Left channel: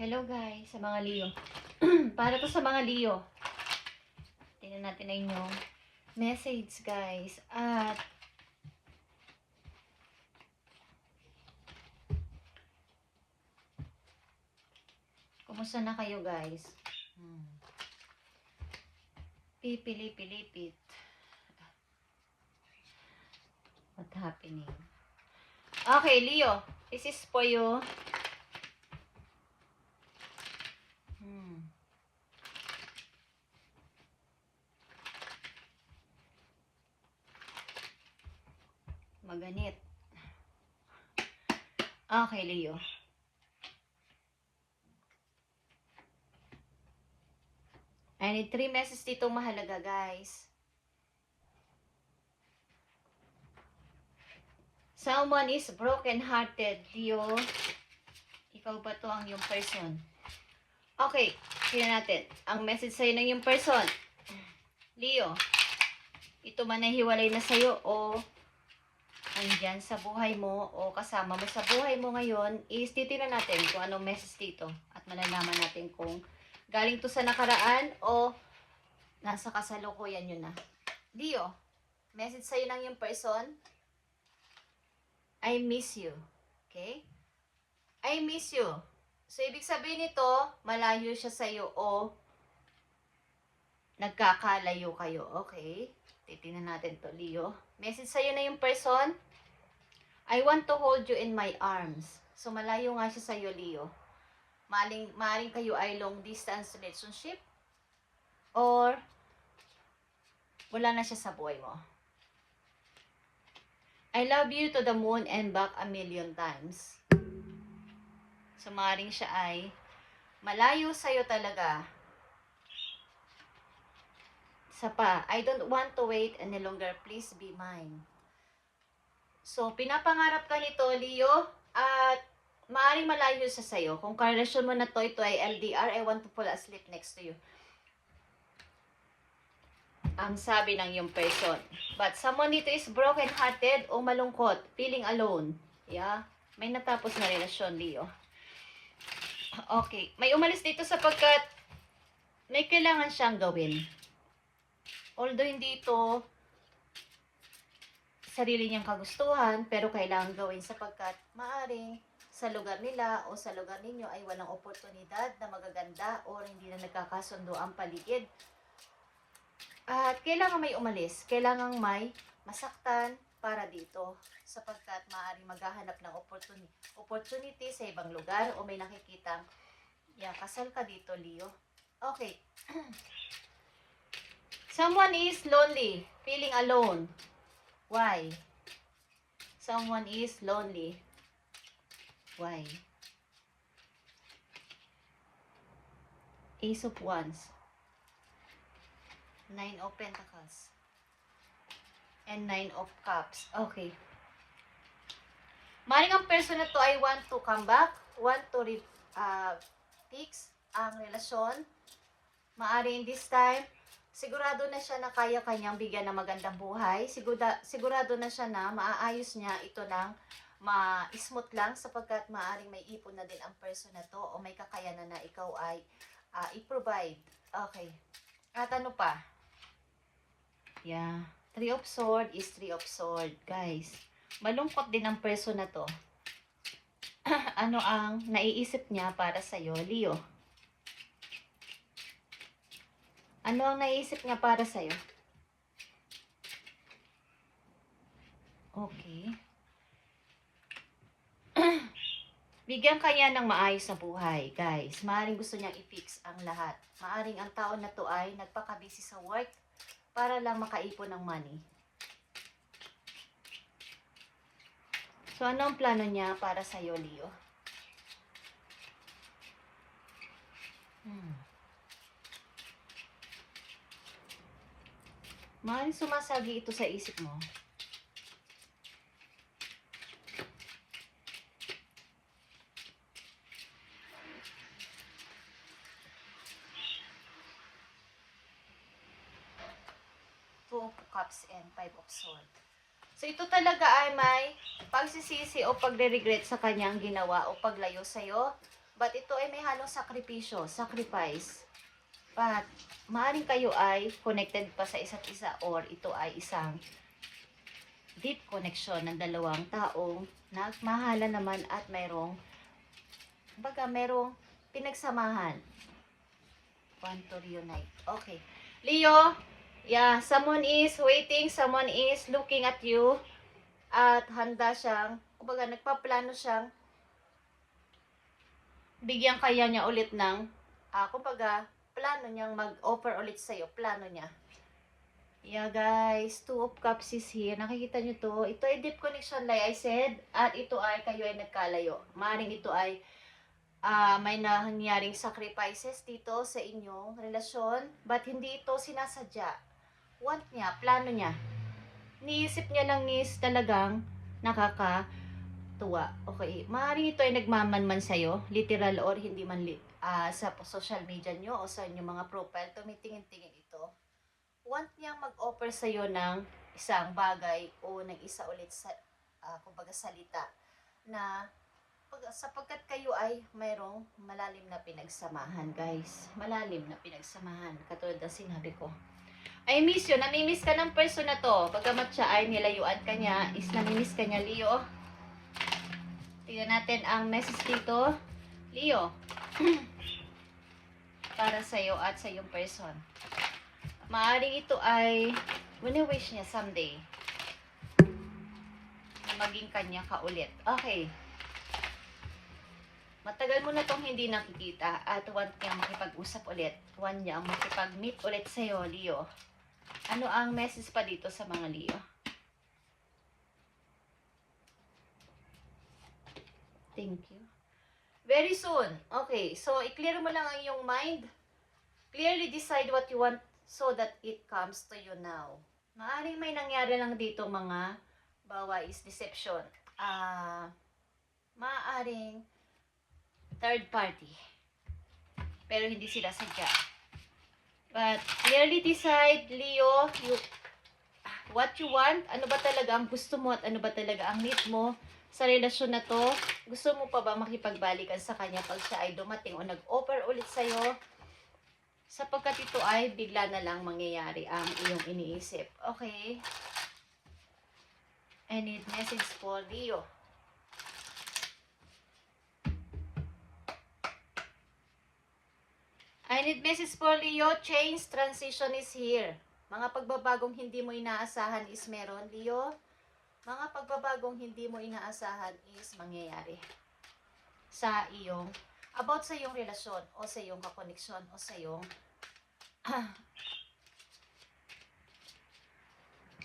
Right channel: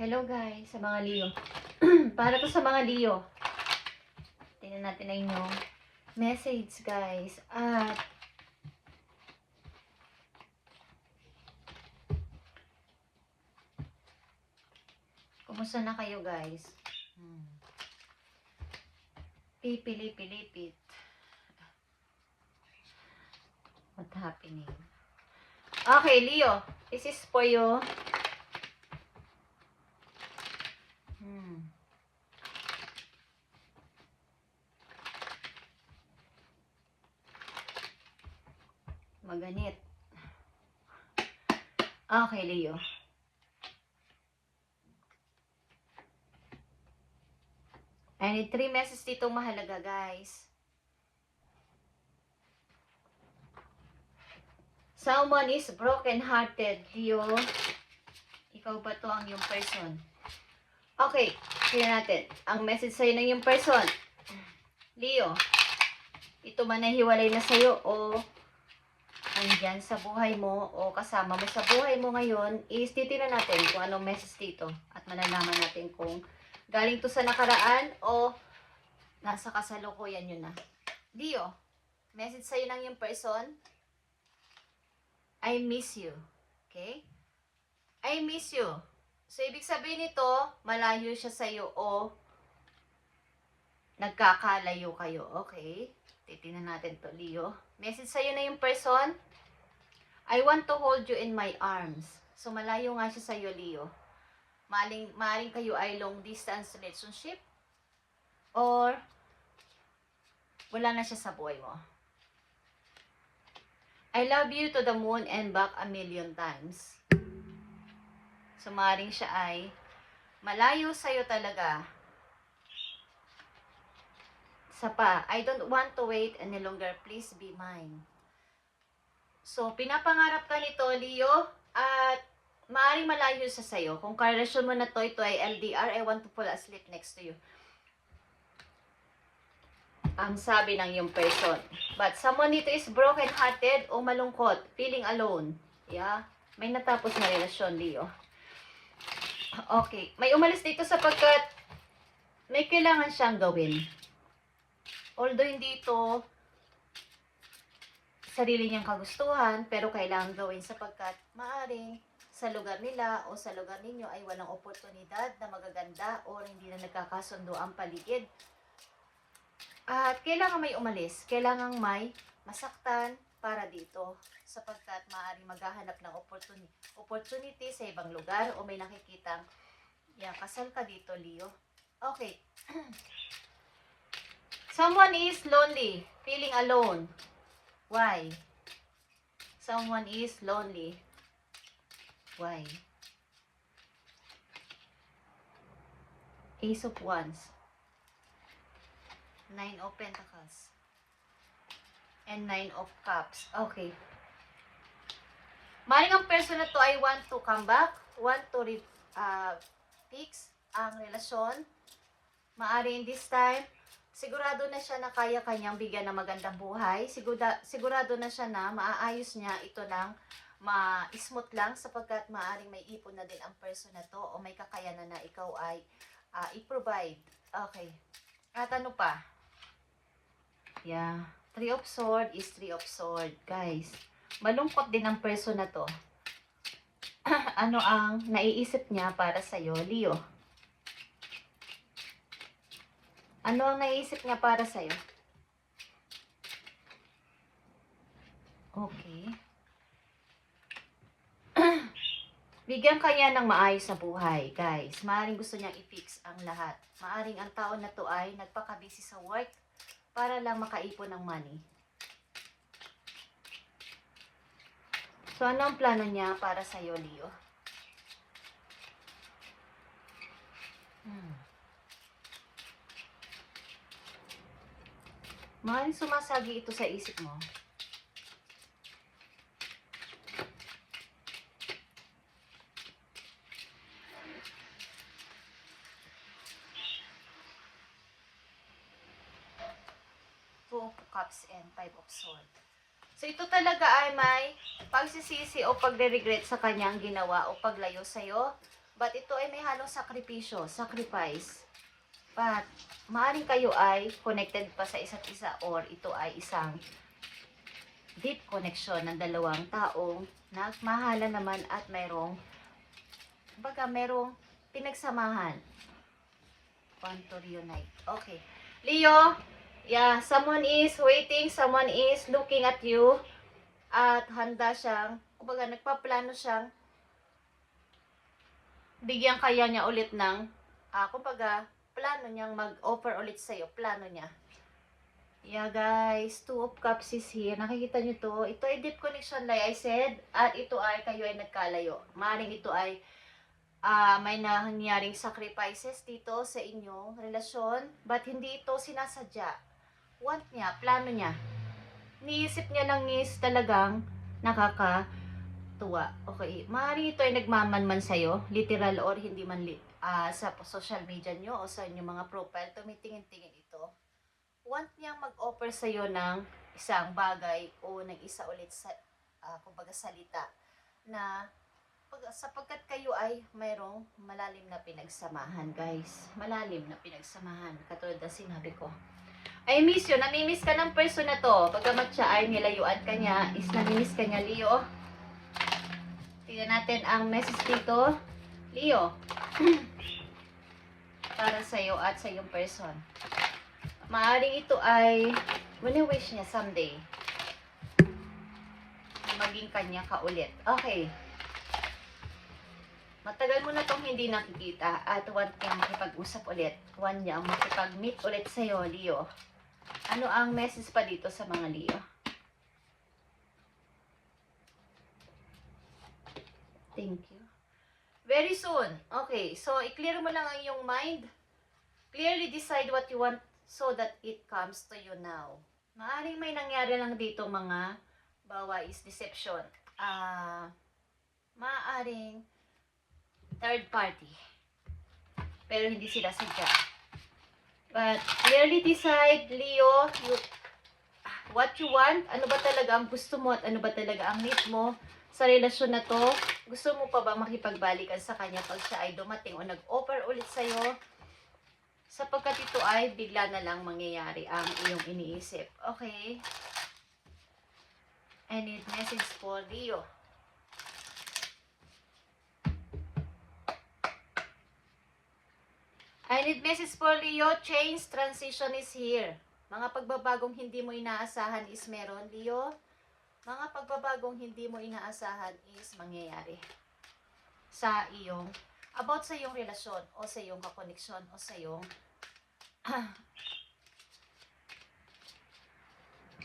Hello guys, sa mga Leo. Para to sa mga Leo. Tingnan natin na inyong message guys. At kumusta na kayo guys? Pipili-pilipit. What happening? Okay, Leo. This is for you. Maganit. Okay, Leo. I need 3 messages dito mahalaga, guys. Someone is broken-hearted, Leo. Ikaw ba to ang yung person? Okay, tingnan natin. Ang message sa'yo ng yung person. Leo, ito man ay hiwalay na sa'yo o andyan sa buhay mo o kasama mo sa buhay mo ngayon, is titignan natin kung anong message dito at malalaman natin kung galing to sa nakaraan o nasa kasalukuyan yun na. Leo, message sa'yo ng yung person, I miss you. Okay? I miss you. So, ibig sabihin nito, malayo siya sa'yo o nagkakalayo kayo. Okay? Titignan natin to, Leo. Message sa'yo na yung person, I want to hold you in my arms. So, malayo nga siya sa'yo, Leo. Maling kayo ay long distance relationship or wala na siya sa buhay mo. I love you to the moon and back a million times. So, maring siya ay malayo sa'yo talaga. Isa pa, I don't want to wait any longer. Please be mine. So, pinapangarap ka nito, Leo, at maaaring malayo sa sayo. Kung karelasyon mo na to, ito ay LDR, I want to fall asleep next to you. Ang sabi ng yung person. But someone dito is broken-hearted o malungkot, feeling alone. Yeah? May natapos na relasyon, Leo. Okay. May umalis dito sapagkat may kailangan siyang gawin. Although hindi ito sarili niyang kagustuhan, pero kailangan gawin sapagkat maaring sa lugar nila o sa lugar ninyo ay walang oportunidad na magaganda o hindi na nagkakasundo ang paligid. At kailangan may umalis, kailangan may masaktan para dito sapagkat maaaring maghahanap ng opportunity sa ibang lugar o may nakikita. Yeah, kasal ka dito, Leo. Okay. Someone is lonely, feeling alone. Why? Someone is lonely. Why? Ace of Wands. 9 of Pentacles. And 9 of Cups. Okay. Maring ang person na to ay want to come back, want to fix ang relasyon. Maaring this time, sigurado na siya na kaya kanyang bigyan ng magandang buhay. Sigurado na siya na maaayos niya ito ng ma-smooth lang sapagkat maaring may ipon na din ang person na to o may kakayanan na ikaw ay i-provide. Okay. At ano pa? Yeah. 3 of Swords is 3 of Swords, guys. Malungkot din ang person na to. Ano ang naiisip niya para sa'yo, Leo? Ano ang naiisip niya para sa'yo? Okay. Bigyan kanya ng maayos na buhay, guys. Maaring gusto niyang i-fix ang lahat. Maaring ang tao na to ay nagpaka-busy sa work para lang makaipon ng money. So, ano ang plano niya para sa'yo, Leo? Maaring sumasagi ito sa isip mo. Cups and 5 of Swords. So, ito talaga ay may pagsisisi o pagre-regret sa kanyang ginawa o paglayo sa'yo. But ito ay may halong sakripisyo, sacrifice. But, maaaring kayo ay connected pa sa isa't isa or ito ay isang deep connection ng dalawang taong nagmahalan naman at merong pinagsamahan. Want to reunite. Okay. Leo, yeah, someone is waiting, someone is looking at you at handa siyang, kumbaga nagpaplano siyang bigyan kaya niya ulit ng, kumbaga, plano niyang mag-offer ulit sa'yo, plano niya. Yeah guys, Two of Cups is here. Nakikita niyo to. Ito ay deep connection like I said. At ito ay kayo ay nagkalayo. Maaaring ito ay may nangyaring sacrifices dito sa inyong relasyon. But hindi ito sinasadya. Want niya, plano niya. Niisip niya lang is talagang nakakatuwa. Okay, maaaring ito ay nagmamanman sa'yo. Literal or hindi man sa social media nyo o sa inyong mga profile. Tumitingin-tingin ito. Want niyang mag-offer sa'yo ng isang bagay o ng isa ulit sa, kumbaga salita na sapagkat kayo ay mayroong malalim na pinagsamahan, guys. Malalim na pinagsamahan. Katulad na sinabi ko. I miss you. Namimiss ka ng person na to. Pagkamat siya ay nilayuan ka niya, is namimiss ka niya, Leo. Tingnan natin ang message dito. Leo. Para sa'yo at sa iyong person. Maaring ito ay wini-wish niya someday maging kanya ka ulit. Okay. Matagal mo na itong hindi nakikita at want niya makipag-usap ulit. Want niya makipag-meet ulit sa'yo, Leo. Ano ang message pa dito sa mga Leo? Thank you. Very soon. Okay. So, i-clear mo lang ang iyong mind. Clearly decide what you want so that it comes to you now. Maaring may nangyari lang dito mga bawa is deception. Maaring third party. Pero hindi sila sadya. But clearly decide, Leo, what you want. Ano ba talaga ang gusto mo at ano ba talaga ang need mo sa relasyon na to? Gusto mo pa ba makipagbalikan sa kanya pag siya ay dumating o nag-offer ulit sa'yo? Sapagkat ito ay bigla na lang mangyayari ang iyong iniisip. Okay? I need message for Leo. I need message for Leo. Change, transition is here. Mga pagbabagong hindi mo inaasahan is meron, Leo. Mga pagbabagong hindi mo inaasahan is mangyayari sa iyong, about sa iyong relasyon o sa iyong kakoneksyon o sa iyong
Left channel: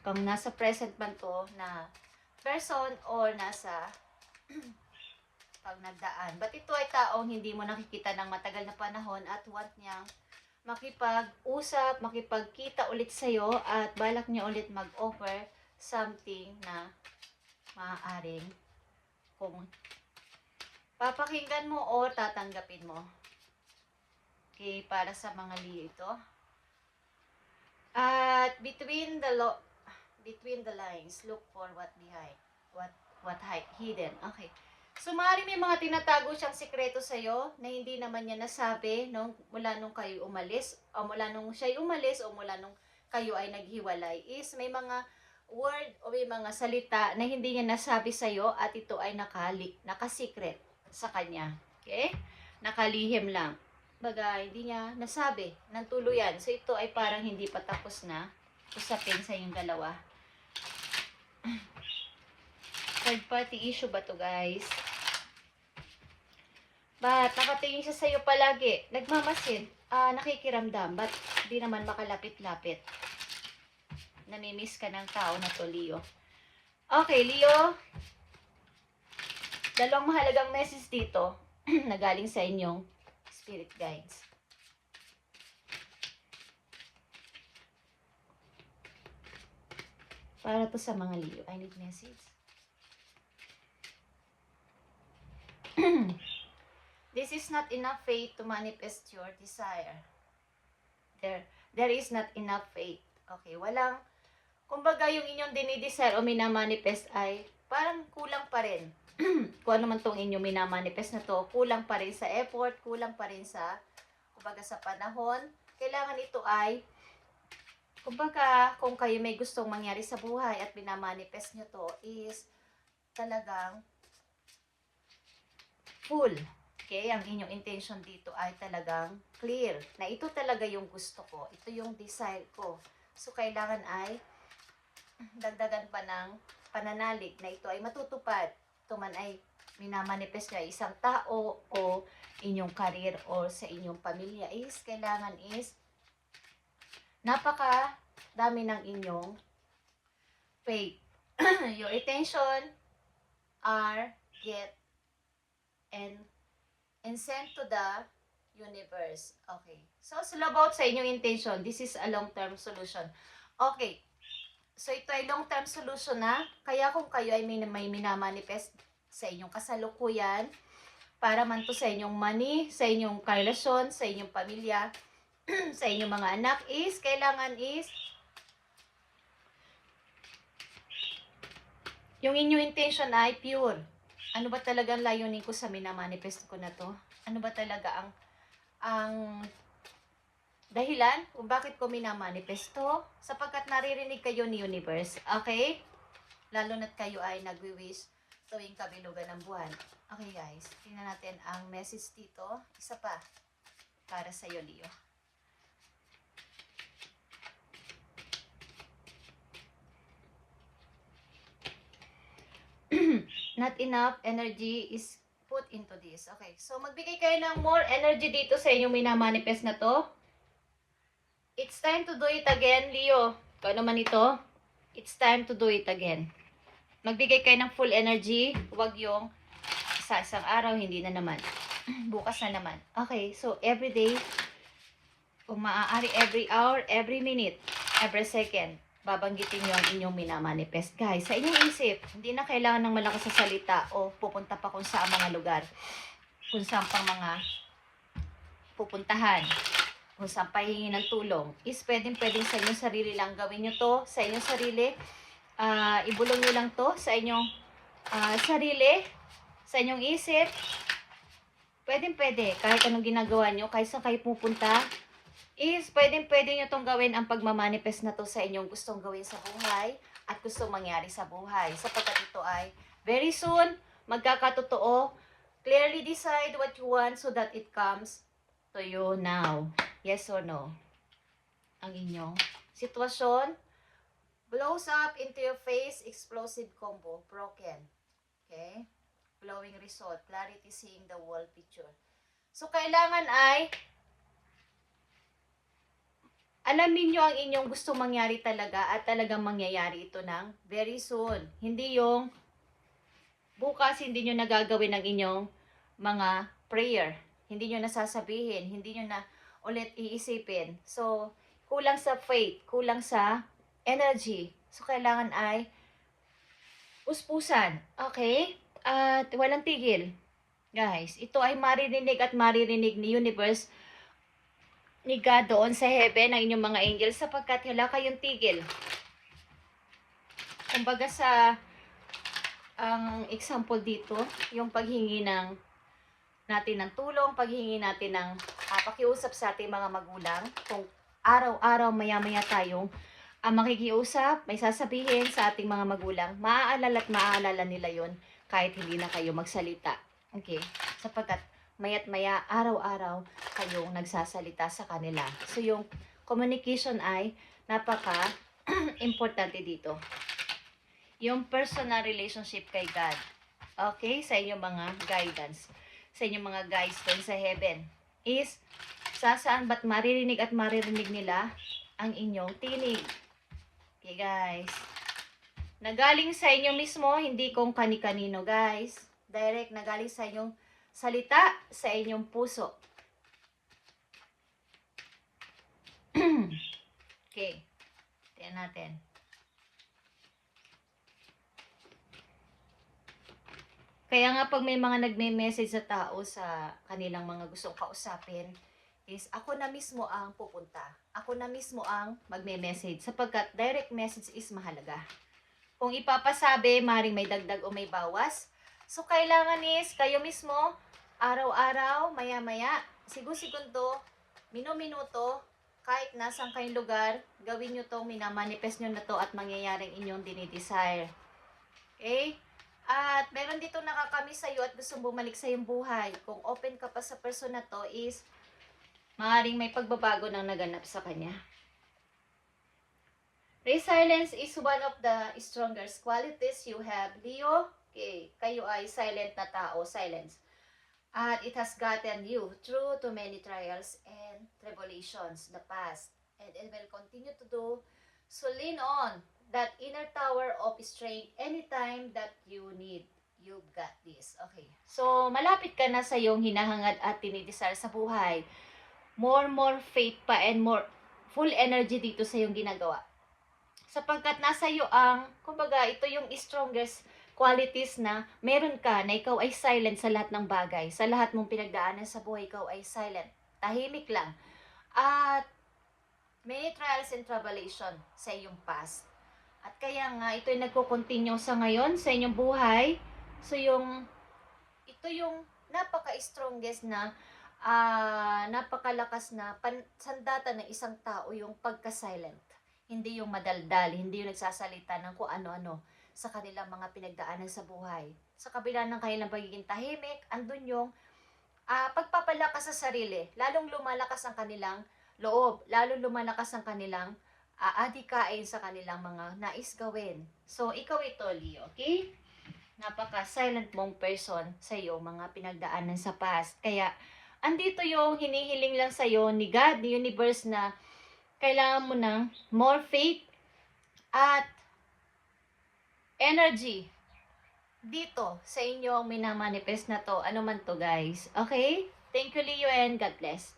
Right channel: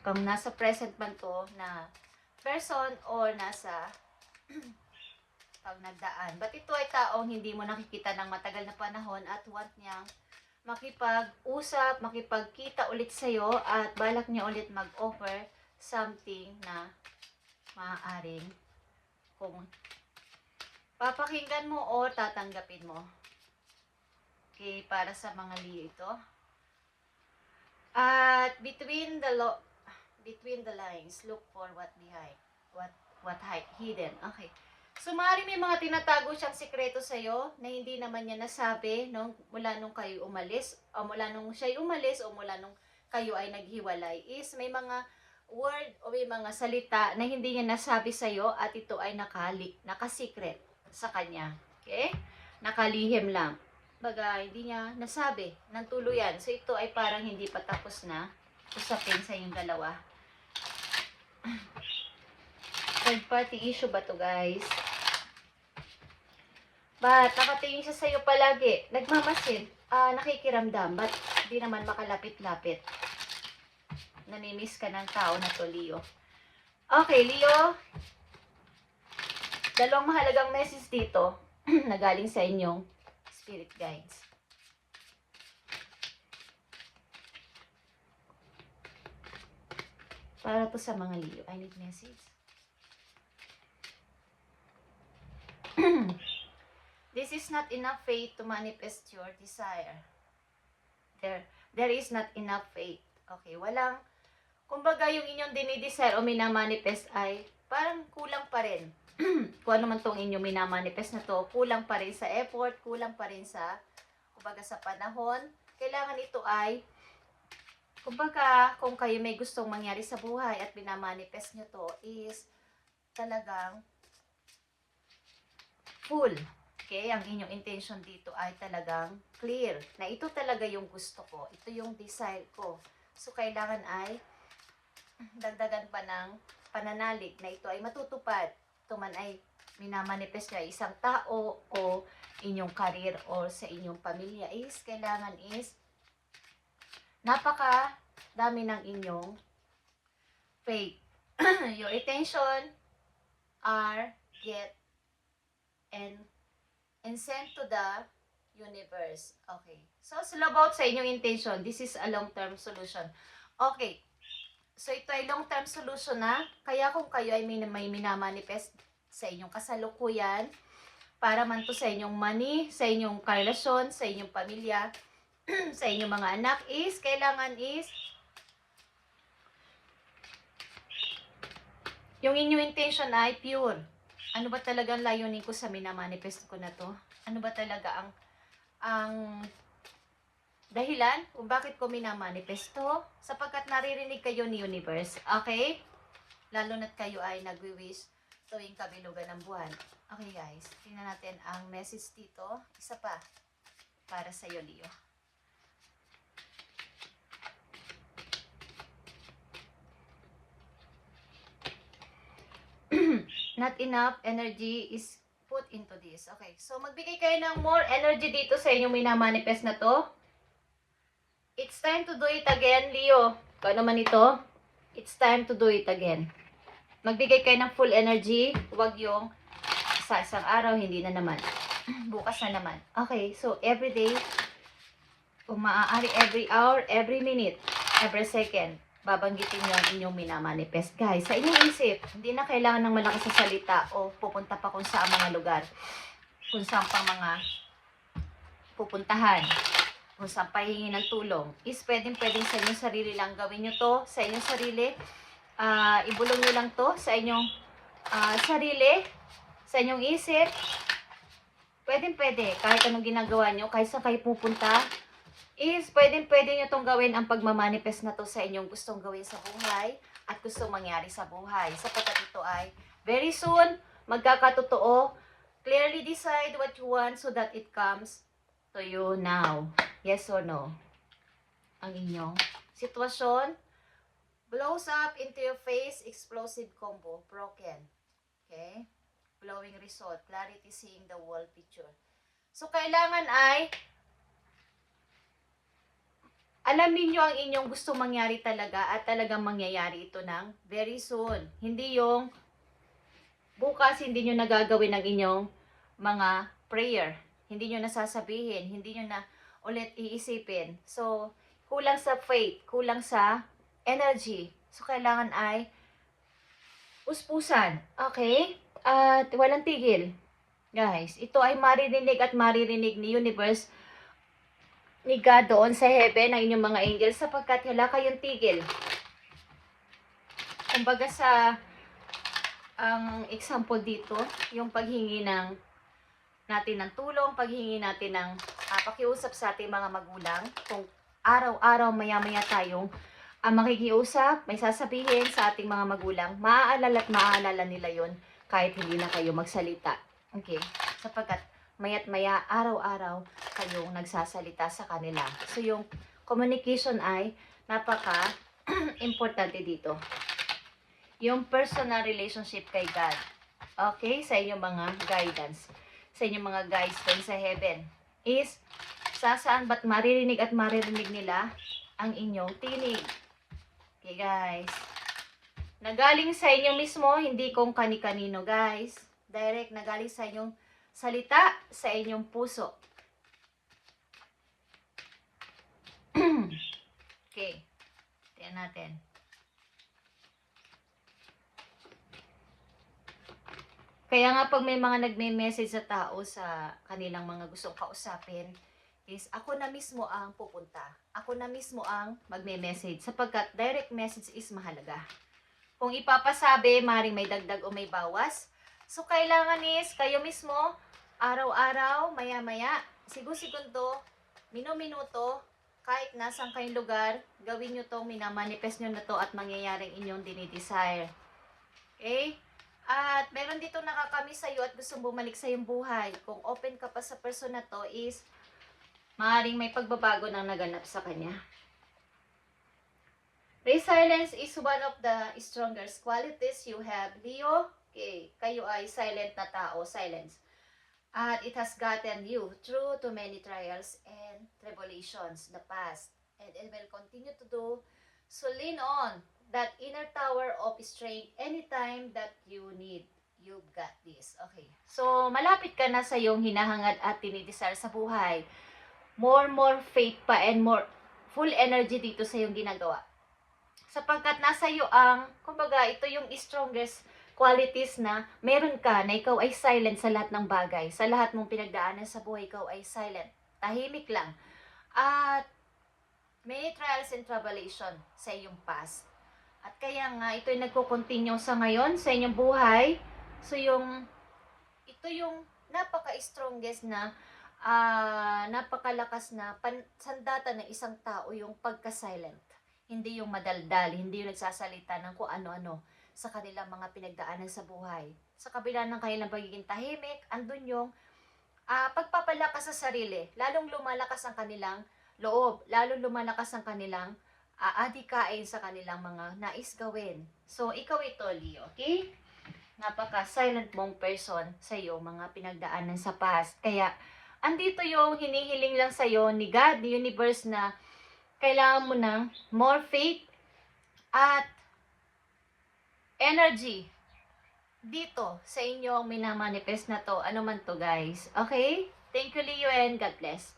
kung nasa present man to na person or nasa pag nagdaan. But ito ay taong hindi mo nakikita ng matagal na panahon at want niyang makipag-usap, makipagkita ulit sa'yo at balak niya ulit mag-offer something na maaaring kung papakinggan mo o tatanggapin mo. Okay, para sa mga Leo ito. At between the lines, look for what behind, what hidden. Okay. So, maaaring may mga tinatago siyang sikreto sa'yo na hindi naman niya nasabi mula nung kayo umalis, o mula nung siya umalis, o mula nung kayo ay naghiwalay, is may mga word o may mga salita na hindi niya nasabi sa'yo at ito ay nakasikret sa kanya. Okay? Nakalihim lang. Baga, hindi niya nasabi ng tuluyan. So, ito ay parang hindi pa tapos na usapin sa inyong dalawa. Third party issue ba to, guys? But, nakatingin siya sa'yo palagi. Nagmamasid. Nakikiramdam. But, di naman makalapit-lapit. Namimiss ka ng tao na to, Leo. Okay, Leo. Dalawang mahalagang message dito na galing sa inyong spirit guides. Para po sa mga Leo, I need message. This is not enough faith to manifest your desire. There is not enough faith. Okay, walang, kumbaga yung inyong dinidesire o minamanifest ay parang kulang pa rin. kung ano man tong inyong minamanifest na to, kulang pa rin sa effort, kulang pa rin sa, kumbaga sa panahon. Kailangan ito ay, kumbaga, kung kayo may gustong mangyari sa buhay at minamanifest nyo to, is talagang full. Okay? Ang inyong intention dito ay talagang clear. Na ito talaga yung gusto ko. Ito yung desire ko. So, kailangan ay dagdagan pa ng pananalig na ito ay matutupad. Ito man ay minamanifest na isang tao o inyong career o sa inyong pamilya is kailangan is napaka dami ng inyong faith. Your attention are get and sent to the universe. Okay. So, about sa inyong intention, this is a long-term solution. Okay. So, ito ay long-term solution na. Kaya kung kayo ay may minamanifest sa inyong kasalukuyan, para man to sa inyong money, sa inyong karelasyon, sa inyong pamilya, sa inyong mga anak, is, kailangan is, yung inyong intention ay pure. Ano ba talaga ang layunin ko sa minamanifest ko na to? Ano ba talaga ang dahilan kung bakit ko minamanifest to? Sapagkat naririnig kayo ni universe. Okay? Lalo na't kayo ay nagwi-wish tuwing kabilugan ng buwan. Okay guys, tingnan natin ang message dito. Isa pa para sa iyo, Leo. Not enough energy is put into this. Okay, so magbigay kayo ng more energy dito sa inyong minamanifest na to. It's time to do it again, Leo. Kung ano man ito, it's time to do it again. Magbigay kayo ng full energy. Huwag yung sa isang araw, hindi na naman. Bukas na naman. Okay, so every day, kung maaari, every hour, every minute, every second, babanggitin nyo ang inyong minamanifest. Guys, sa inyong isip, hindi na kailangan ng malakas sa salita o pupunta pa kung saan mga lugar. Kung saan pang mga pupuntahan. Kung saan pahingi ng tulong. Is pwedeng sa inyong sarili lang. Gawin nyo to sa inyong sarili. Ibulong nyo lang to sa inyong sarili. Sa inyong isip. Pwede. Kahit anong ginagawa nyo, kahit saan kayo pupunta, is pwede nyo itong gawin ang pagmamanifest na to sa inyong gustong gawin sa buhay at gustong mangyari sa buhay. Sapagkat ito ay very soon, magkakatotoo. Clearly decide what you want so that it comes to you now. Yes or no? Ang inyong sitwasyon blows up into your face, explosive combo, broken. Okay? Blowing result, clarity seeing the whole picture. So, kailangan ay alamin nyo ang inyong gusto mangyari talaga at talagang mangyayari ito ng very soon. Hindi yung bukas, hindi nyo nagagawin ang inyong mga prayer. Hindi nyo nasasabihin, hindi nyo na ulit iisipin. So, kulang sa faith, kulang sa energy. So, kailangan ay uspusan. Okay? At walang tigil. Guys, ito ay maririnig at maririnig ni universe, ni God doon sa heaven, ang inyong mga angels, sapagkat wala kayong tigil. Kumbaga ang example dito, yung paghingi natin ng tulong, paghingi natin ng pakiusap sa ating mga magulang. Kung araw-araw, maya-maya tayong makikiusap, may sasabihin sa ating mga magulang, maaalala nila yon kahit hindi na kayo magsalita. Okay? Sapagkat maya't maya, araw-araw kayong nagsasalita sa kanila. So, yung communication ay napaka-importante dito. Yung personal relationship kay God. Okay? Sa inyong mga guidance. Sa inyong mga guides doon sa heaven. Is, saan ba't maririnig at maririnig nila ang inyong tinig. Okay, guys. Nagaling sa inyo mismo, hindi kung kani-kanino, guys. Direct, nagaling sa inyong salita, sa inyong puso. Okay. Tingnan natin. Kaya nga pag may mga nagme-message sa tao sa kanilang mga gustong kausapin, is ako na mismo ang pupunta. Ako na mismo ang magme-message sapagkat direct message is mahalaga. Kung ipapasabi, maring may dagdag o may bawas So, kailangan is kayo mismo, araw-araw, maya-maya, segundo, minuto, kahit nasang kayong lugar, gawin nyo to, minamanifest nyo na to at mangyayaring inyong dinidesire. Okay? At meron dito nakakamiss sa'yo at gusto bumalik sa iyong buhay. Kung open ka pa sa person na to is, maaaring may pagbabago nang naganap sa kanya. Resilience is one of the strongest qualities you have, Leo. Okay, kayo ay silent na tao, silence. At it has gotten you through to many trials and tribulations, the past. And it will continue to do. So lean on that inner tower of strength anytime that you need. You've got this. Okay. So, malapit ka na sa iyong hinahangad at dinidesire sa buhay. More faith pa and more full energy dito sa iyong ginagawa. Sapagkat nasa iyo ang, kumbaga, ito yung strongest qualities na meron ka na ikaw ay silent sa lahat ng bagay. Sa lahat mong pinagdaanan sa buhay, ikaw ay silent. Tahimik lang. At many trials and tribulation sa iyong past. At kaya nga, ito yung nagko-continue sa ngayon sa inyong buhay. So, ito yung napaka-strongest na, napakalakas na sandata ng isang tao, yung pagka-silent. Hindi yung madaldal, hindi yung nagsasalita ng kung ano-ano sa kanilang mga pinagdaanan sa buhay. Sa kabila ng kanilang pagiging tahimik, andun yung pagpapalakas sa sarili. Lalong lumalakas ang kanilang loob. Lalong lumalakas ang kanilang adikain sa kanilang mga nais gawin. So, ikaw ito, Leo, okay? Napaka-silent mong person sa iyo, mga pinagdaanan sa past. Kaya, andito yung hinihiling lang sa iyo ni God, ni universe na kailangan mo ng more faith at energy dito sa inyong minamanifest na to. Ano man to, guys. Okay? Thank you, Leo, and God bless.